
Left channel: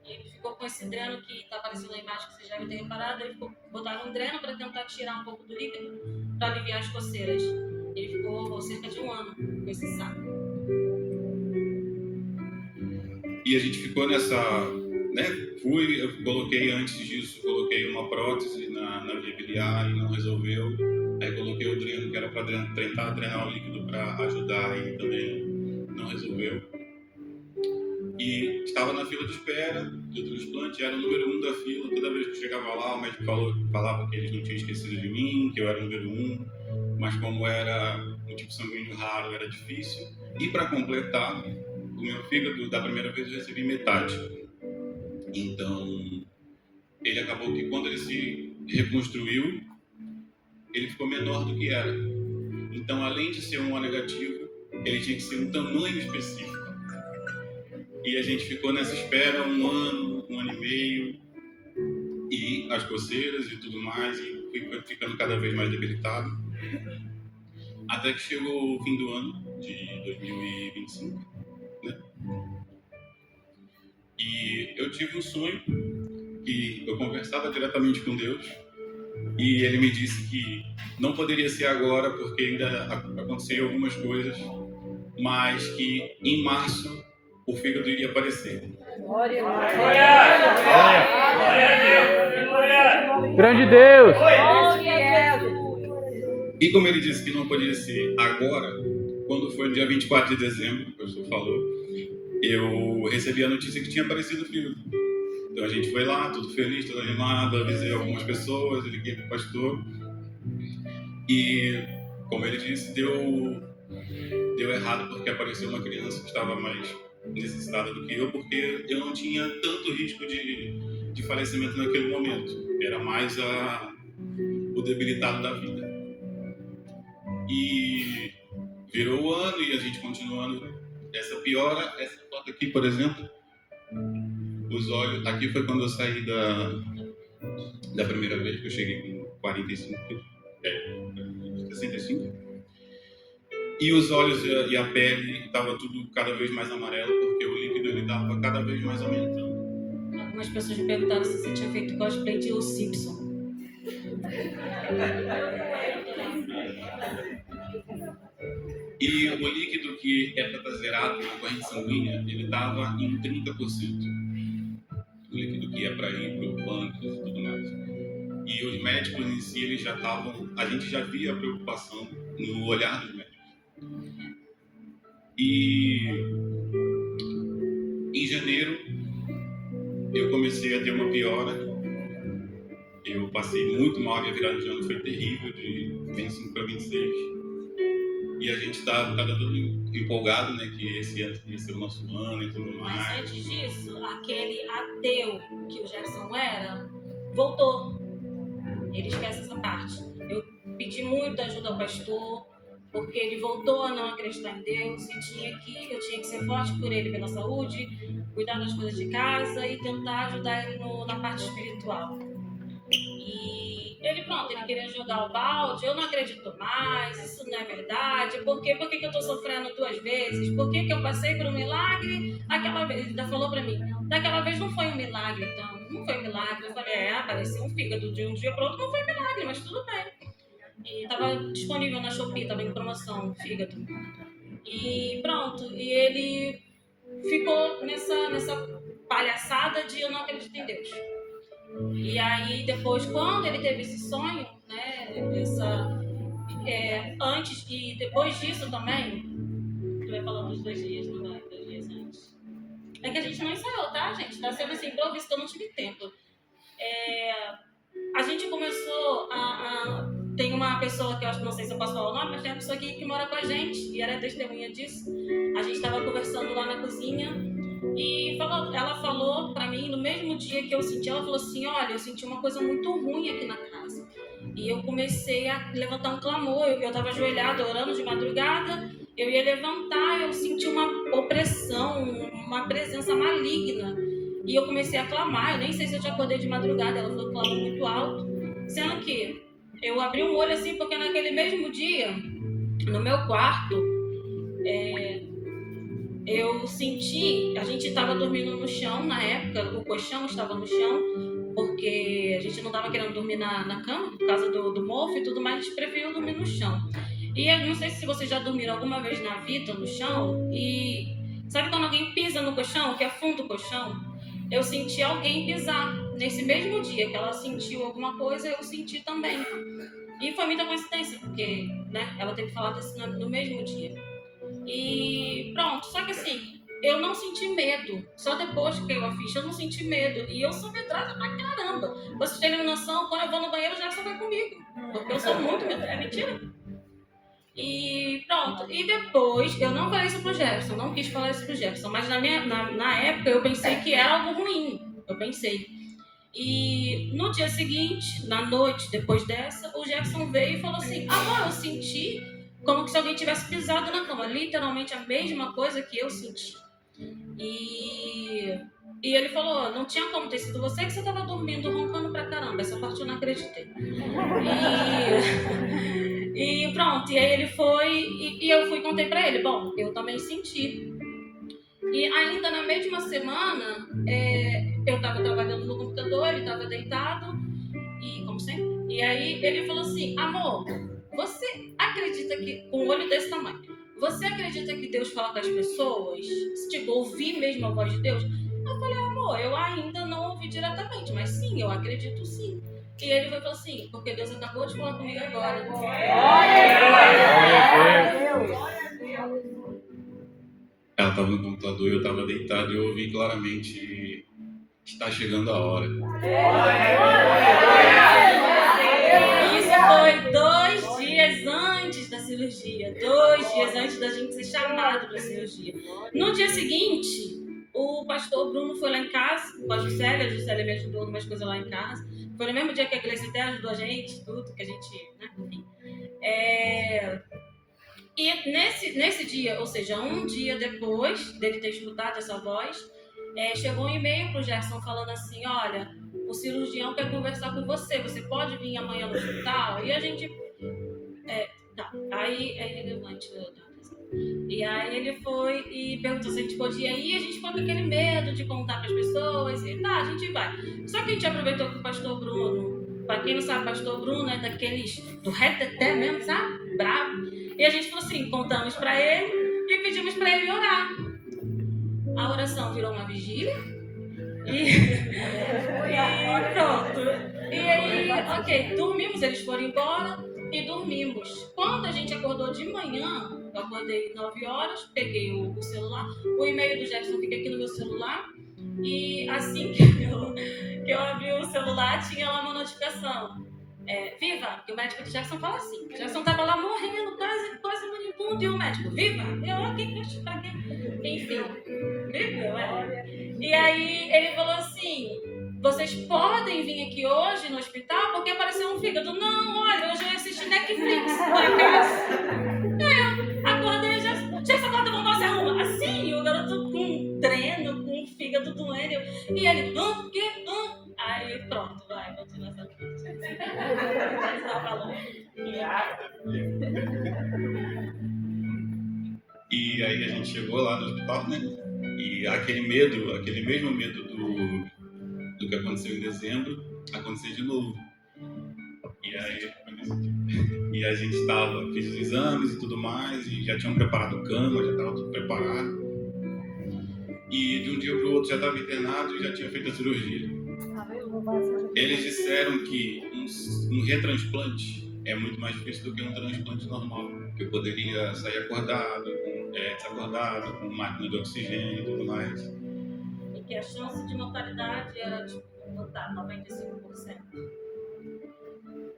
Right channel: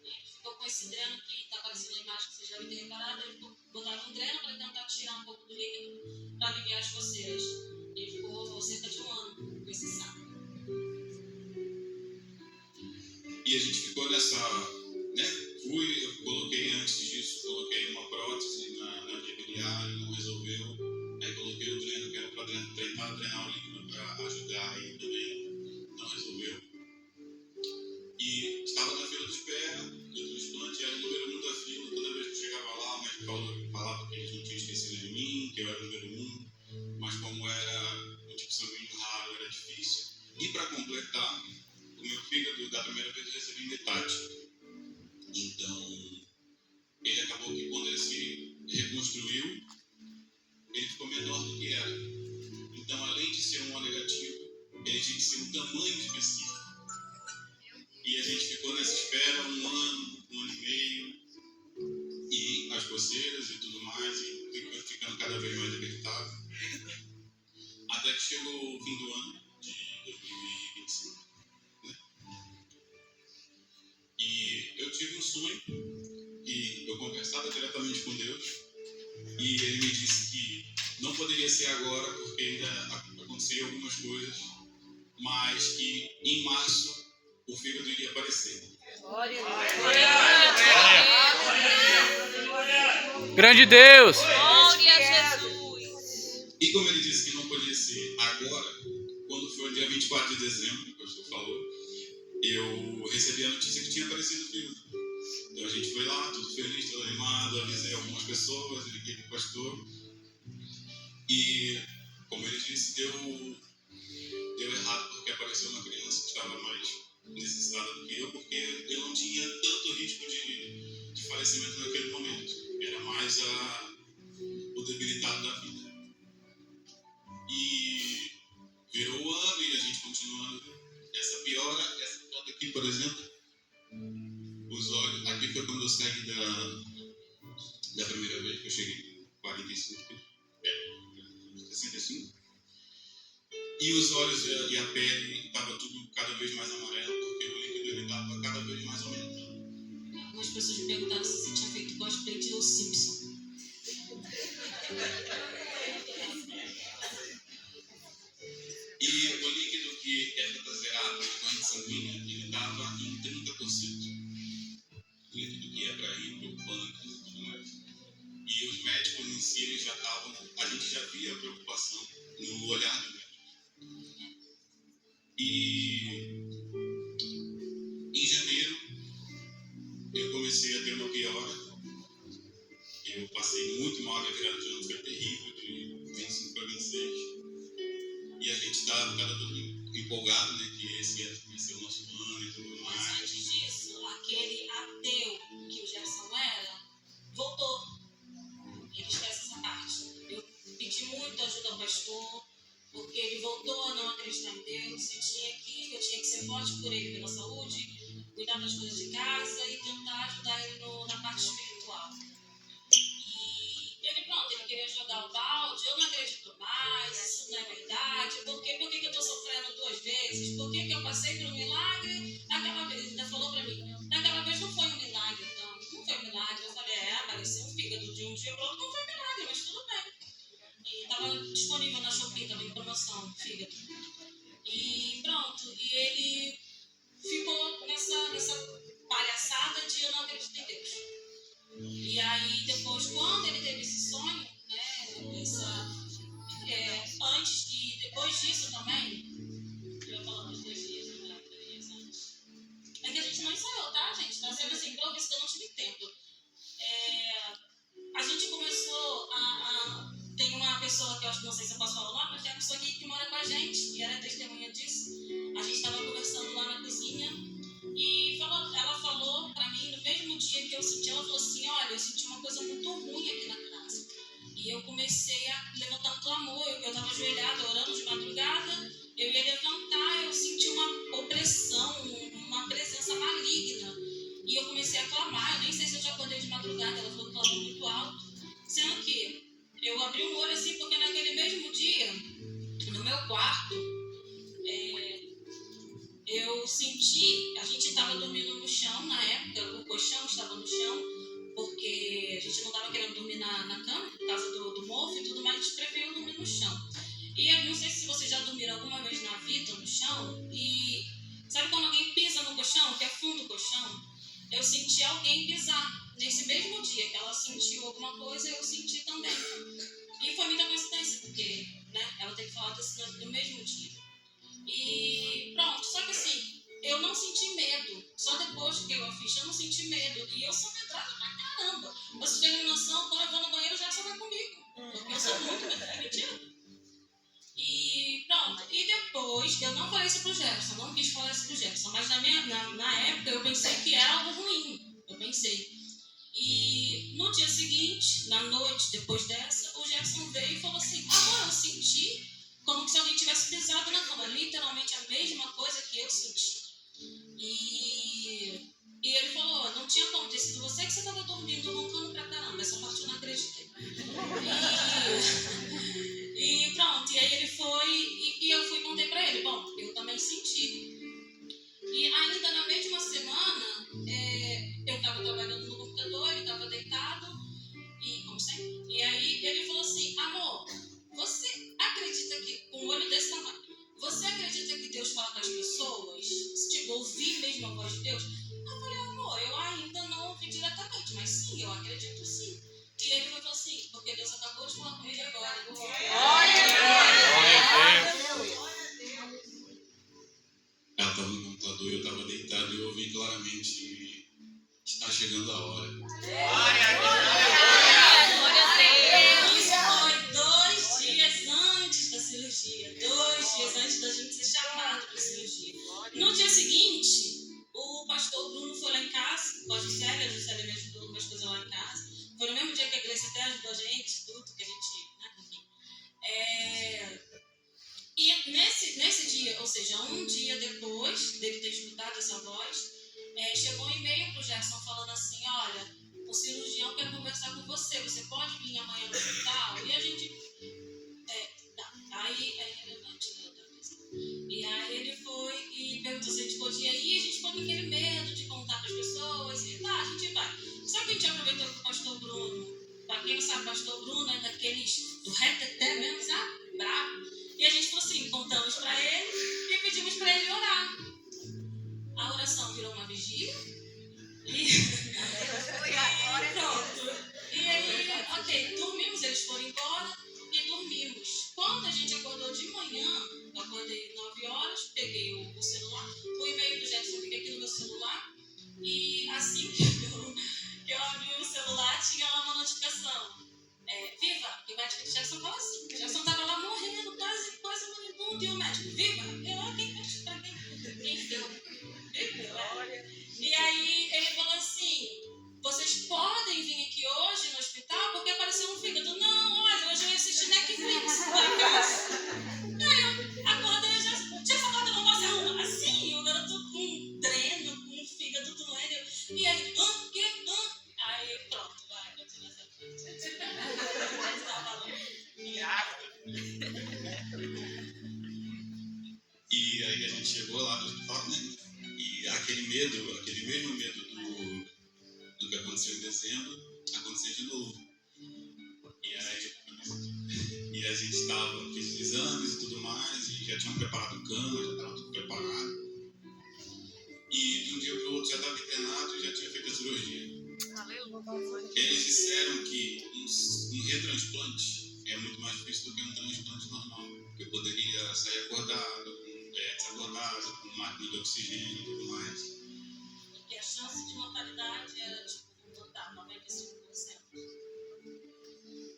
Ele ficou com esse dreno que está aparecendo na imagem que vocês devem ter reparado. Ele botaram um dreno para tentar tirar um pouco do líquido para aliviar as coceiras. Ele ficou cerca de 1 ano com esse saco. E a gente ficou nessa, né? Eu coloquei antes disso, coloquei uma prótese na via biliar e não resolveu. Aí coloquei o dreno, que era para tentar drenar o líquido para ajudar e também não resolveu. E estava na fila de espera do transplante, era o número 1 da fila. Toda vez que eu chegava lá, o médico falava que eles não tinham esquecido de mim, que eu era o número 1. Mas como era um tipo sanguíneo raro, era difícil. E para completar, o meu fígado, da primeira vez, eu recebi metade. Então, ele acabou que quando ele se reconstruiu, ele ficou menor do que era. Então, além de ser um O negativo, ele tinha que ser um tamanho específico. E a gente ficou nessa espera 1 ano, 1 ano e meio, e as coceiras e tudo mais, e fui ficando cada vez mais debilitado. Até que chegou o fim do ano, de 2025, né? E eu tive um sonho, que eu conversava diretamente com Deus, e ele me disse que não poderia ser agora, porque ainda aconteceriam algumas coisas, mas que em março o fígado iria aparecer. Glória a Deus. Grande Deus. Glória a Jesus. E como ele disse que não podia ser agora, quando foi no dia 24 de dezembro, que o senhor falou, eu recebi a notícia que tinha aparecido o fígado. Então a gente foi lá, tudo feliz, tudo animado, avisei algumas pessoas, liguei para o pastor, E, como ele disse, deu errado porque apareceu uma criança que estava mais necessitada do que eu, porque eu não tinha tanto risco de falecimento naquele momento. Era mais o debilitado da vida. E virou o ano e a gente continuando essa piora. Essa foto aqui, por exemplo, os olhos... Aqui foi quando eu saí da primeira vez, que eu cheguei com 65. E os olhos e a pele estava tudo cada vez mais amarelo, porque o líquido ele estava cada vez mais aumentando. Algumas pessoas me perguntaram se você tinha feito cosplay de O Simpson. E o líquido que é zerado na corrente sanguínea, ele estava em 30%. O líquido que ia para ir para o pâncreas e tudo mais. E os médicos em si, eles já estavam... A gente já via a preocupação no olhar dos médicos. E em janeiro eu comecei a ter uma piora. Eu passei muito mal, minha virada de ano foi terrível, de 25 para 26. E a gente está todo empolgado, né, que esse ano ia ser o nosso ano e tudo mais. Mas antes disso, aquele ateu que o Jefferson era, voltou. Ele esquece essa parte. Eu pedi muita ajuda ao pastor, porque ele voltou a não acreditar em Deus, eu tinha que ser forte por ele pela saúde, cuidar das coisas de casa e tentar ajudar ele na parte espiritual. E ele queria jogar o balde, eu não acredito mais, isso não é verdade, por que que eu estou sofrendo 2 vezes, por que eu passei por um milagre, aquela vez, ele ainda falou para mim, daquela vez não foi um milagre, então, não foi um milagre, eu falei, apareceu um fígado de um dia para outro, não foi um milagre, mas tudo bem. E estava disponível na Shopee, estava em promoção, fígado. E pronto, e ele ficou nessa palhaçada de eu não acredito em Deus. E aí depois, quando ele teve esse sonho, né, antes e depois disso também, eu ia falar uns 2 dias, não vai, 2 dias antes. É que a gente não ensaiou, tá, gente? Tá sendo assim, improviso que eu não tive tempo. A gente começou tem uma pessoa que eu acho que não sei se eu posso falar o nome, mas tem uma pessoa que mora com a gente e era testemunha disso. A gente estava conversando lá na cozinha e ela falou pra mim, no mesmo dia que eu senti, ela falou assim, olha, eu senti uma coisa muito ruim aqui na casa. E eu comecei a levantar um clamor, eu estava ajoelhada, orando de madrugada, eu ia levantar, eu senti uma opressão, uma presença maligna. E eu comecei a clamar, eu nem sei se eu te acordei de madrugada, ela falou que clamou muito alto, sendo que eu abri um olho assim, porque naquele mesmo dia, no meu quarto, eu senti, a gente estava dormindo no chão na época, o colchão estava no chão, porque a gente não estava querendo dormir na cama, por causa do mofo e tudo mais, a gente preferiu dormir no chão. E eu não sei se vocês já dormiram alguma vez na vida no chão, e sabe quando alguém pisa no colchão, que afunda o colchão? Eu senti alguém pisar. Nesse mesmo dia que ela sentiu alguma coisa, eu senti também. E foi muita coincidência, porque né, ela teve falado assim no mesmo dia. E pronto, só que assim, eu não senti medo. Só depois que eu a ficha, eu não senti medo. E eu sou medrada pra caramba. Vocês terem noção, quando eu vou no banheiro, o Jackson vai comigo. Porque eu sou muito medrada. É mentira? E pronto, e depois, eu não falei isso pro Jefferson, não quis falar isso pro Jefferson, mas na época eu pensei que era algo ruim, eu pensei. E no dia seguinte, na noite depois dessa, o Jefferson veio e falou assim, eu senti como se alguém tivesse pisado na cama, literalmente a mesma coisa que eu senti. E ele falou, não tinha como ter sido você, que você estava dormindo, roncando pra caramba, essa parte eu não acreditei. E pronto, e aí ele foi, e eu fui e contei pra ele, bom, eu também senti. E ainda na mesma semana, eu tava trabalhando no computador, ele tava deitado, e como sempre, e aí ele falou assim, amor, você acredita que, com um olho desse tamanho, você acredita que Deus fala com as pessoas? Tipo, ouvir mesmo a voz de Deus? Eu falei, amor, eu ainda não ouvi diretamente, mas sim, eu acredito sim. E ele falou assim, porque Deus acabou de falar comigo agora. Ela estava no computador e eu estava deitado e eu ouvi claramente, está chegando a hora. Isso foi dias antes da gente ser chamado para a cirurgia. No dia seguinte, o pastor Bruno foi lá em casa com a Juscelia me ajudou em umas coisas lá em casa. Foi no mesmo dia que a Gleice até ajudou a gente, tudo que a gente, né, enfim. E nesse dia, ou seja, um dia depois dele ter escutado essa voz, chegou um e-mail pro Gerson falando assim: olha, o cirurgião quer conversar com você, você pode vir amanhã no hospital? E a gente... tá. Aí ele levantou. E aí ele foi e perguntou se a gente podia ir, e a gente ficou com aquele medo de contar para as pessoas, e tá, a gente vai. Só que a gente aproveitou que o pastor Bruno, para quem não sabe, o pastor Bruno é daqueles do reteté mesmo, sabe? Bravo. E a gente falou assim, contamos para ele e pedimos para ele orar. A oração virou uma vigília e pronto. E aí, ok, dormimos, eles foram embora e dormimos. Quando a gente acordou de manhã, eu acordei 9 horas, peguei o celular, o e-mail do Jackson fica aqui no meu celular, e assim que eu abri o celular, tinha lá uma notificação. Viva! Porque o médico do Jackson fala assim. O Jackson estava lá morrendo, quase moribundo, e o médico, viva! Eu, pra quê? Enfim, viva! E aí ele falou assim: vocês podem vir aqui hoje no hospital porque apareceu um fígado. Não, olha, hoje eu assisti Netflix, por acaso. Eu acordei, já essa porta, vamos fazer uma. Assim, o garoto com um dreno, com um fígado doendo. E ele, o quê? Aí pronto, vai, continua essa vida. E aí a gente chegou lá no hospital, né? E aquele mesmo medo do que aconteceu em dezembro, aconteceu de novo. E a gente fez os exames e tudo mais, e já tinham preparado cama, já estava tudo preparado. E de um dia para o outro já estava internado e já tinha feito a cirurgia. Eles disseram que um retransplante é muito mais difícil do que um transplante normal, que eu poderia sair acordado, desacordado, com máquina de oxigênio e tudo mais. E que a chance de mortalidade era de 95%.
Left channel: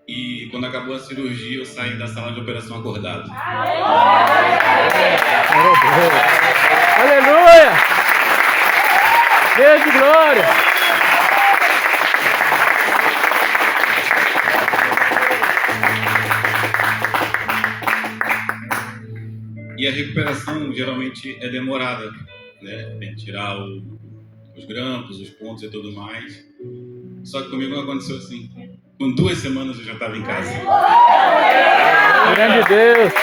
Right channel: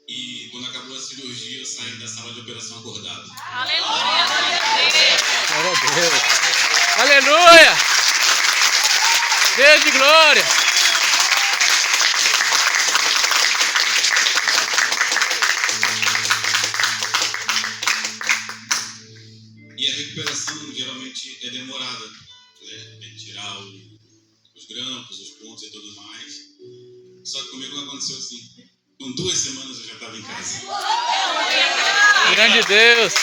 E quando acabou a cirurgia, eu saí da sala de operação acordado. Aleluia! Deus de glória! E a recuperação geralmente é demorada, né? Tem que tirar os grampos, os pontos e tudo mais. Só que comigo não aconteceu assim. Com 2 semanas eu já estava em casa. Grande Deus!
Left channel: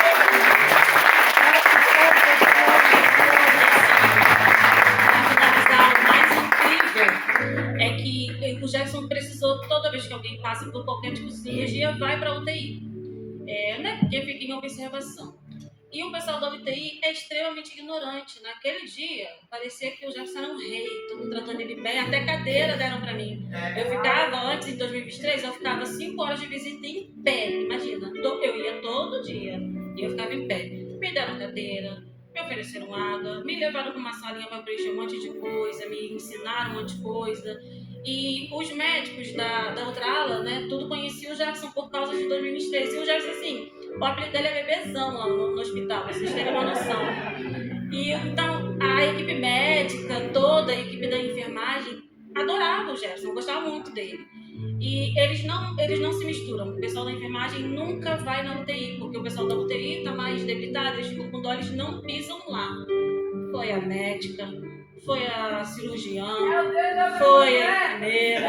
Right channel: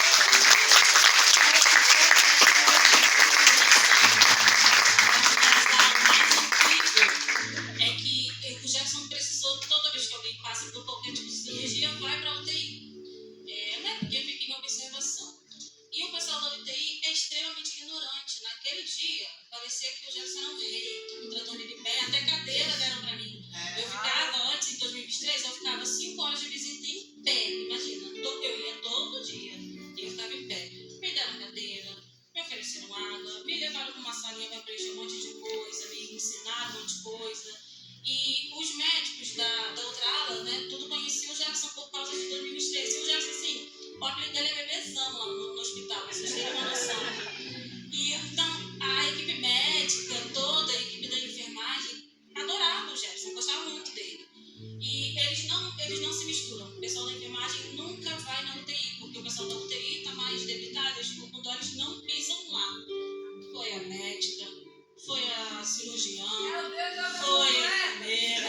É que o Jackson precisou, toda vez que alguém passa por qualquer tipo de cirurgia, vai para a UTI. Né? Porque fica em observação. E o pessoal da UTI é extremamente ignorante. Naquele dia, parecia que o Jackson era um rei, todo mundo tratando ele bem, até cadeira deram para mim. Eu ficava, antes, em 2023, eu ficava 5 horas de visita em pé, imagina. Eu ia todo dia e eu ficava em pé. Me deram cadeira, me ofereceram água, me levaram para uma salinha para preencher um monte de coisa, me ensinaram um monte de coisa. E os médicos da outra ala, né, tudo conheciam o Jackson por causa de 2023. E o Jackson, assim, o apelido dele é bebezão lá no hospital, pra vocês terem uma noção. E então, a equipe médica, toda a equipe da enfermagem, adorava o Gerson, gostava muito dele. E eles não se misturam. O pessoal da enfermagem nunca vai na UTI, porque o pessoal da UTI está mais debilitado, eles ficam com dó, eles não pisam lá. Foi a médica, foi a cirurgiã, foi a enfermeira.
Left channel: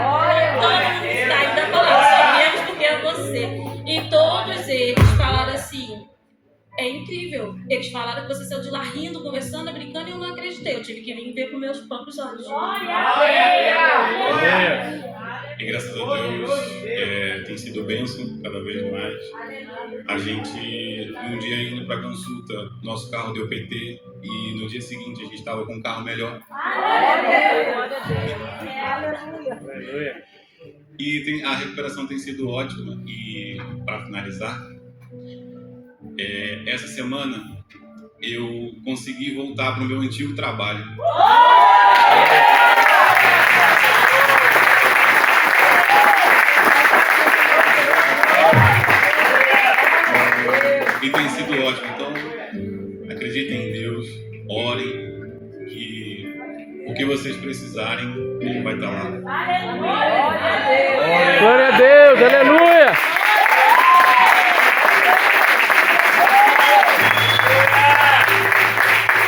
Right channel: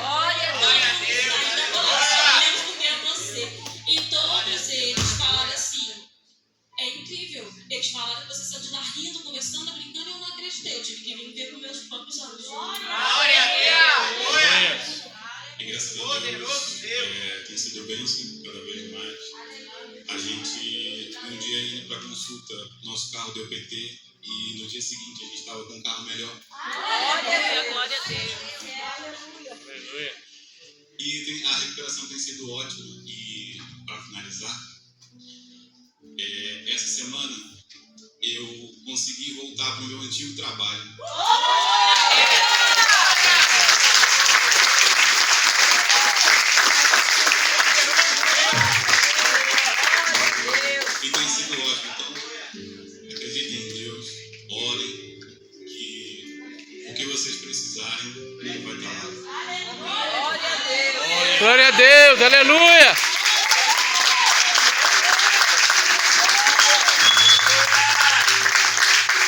Olha, todo mundo ainda falando, sabemos porque é você. E todos eles falaram assim, é incrível. Eles falaram que você saiu de lá rindo, conversando, brincando, e eu não acreditei. Eu tive que vir ver com meus próprios olhos. E graças a Deus tem sido bênção cada vez mais. A gente, um dia indo para consulta, nosso carro deu PT e no dia seguinte a gente estava com um carro melhor. Glória a Deus. Aleluia! E a recuperação tem sido ótima. E para finalizar, essa semana eu consegui voltar para o meu antigo trabalho. E tem sido ótimo. Então, acreditem em Deus, orem, que o que vocês precisarem, Ele vai estar lá. Glória a Deus, aleluia.